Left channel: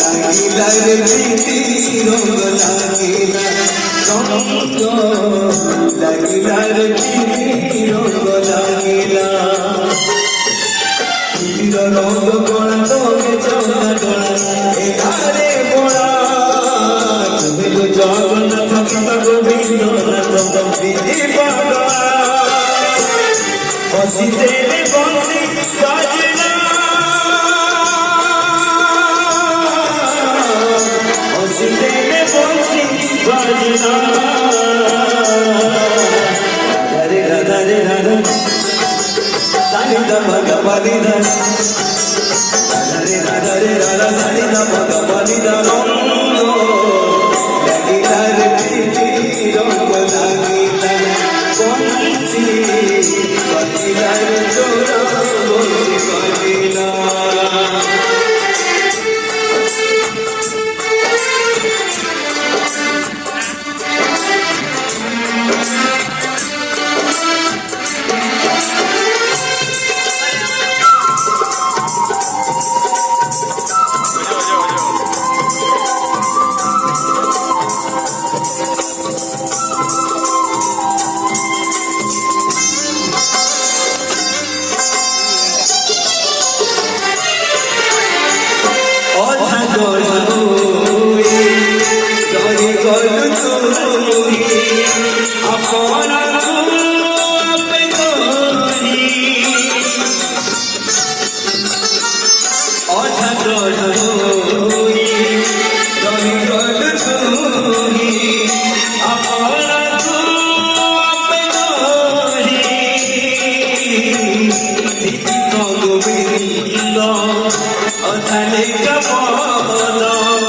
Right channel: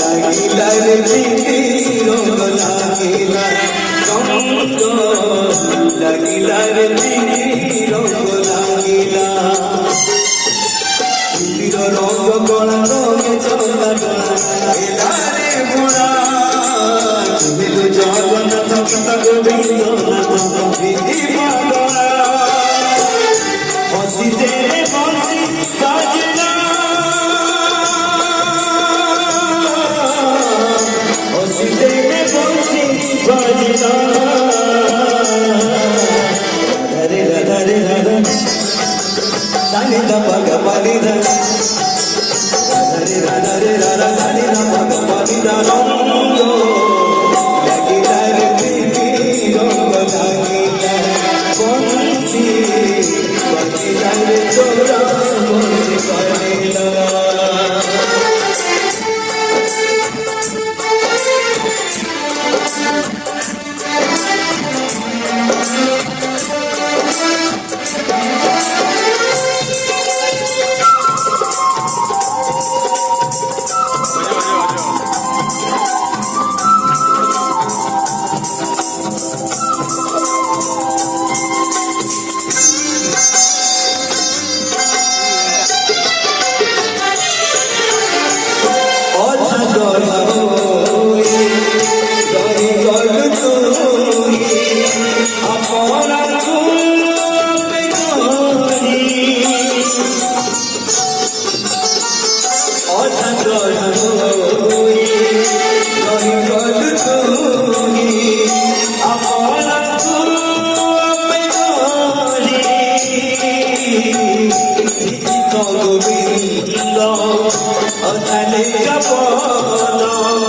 লাগিলা রে প্রীতি রঙ লাগিলা রঙ্গ লাগিলা রে প্রীতি রঙ লাগিলা প্রীতির রঙ গড়া রঙে চলা ডোলা এধারে বোনা তুমি তো জগন্নাথ পিতা গোবিন্দনাথ প্রীতি বাবা হসিতে বসি বাজনা হসিতে বসি বাজনা রাধে রাধে রাধে সানি দা পগা পানি দা রাধে রাধে রাধে সানি দা পগা পানি দা রঙ্গ লাগিলা রে প্রীতি রঙ্গ লাগিলা বংশী বাজিলা রে তোরা বংশী বাজিলা গোবিন্দ অথালে কামনা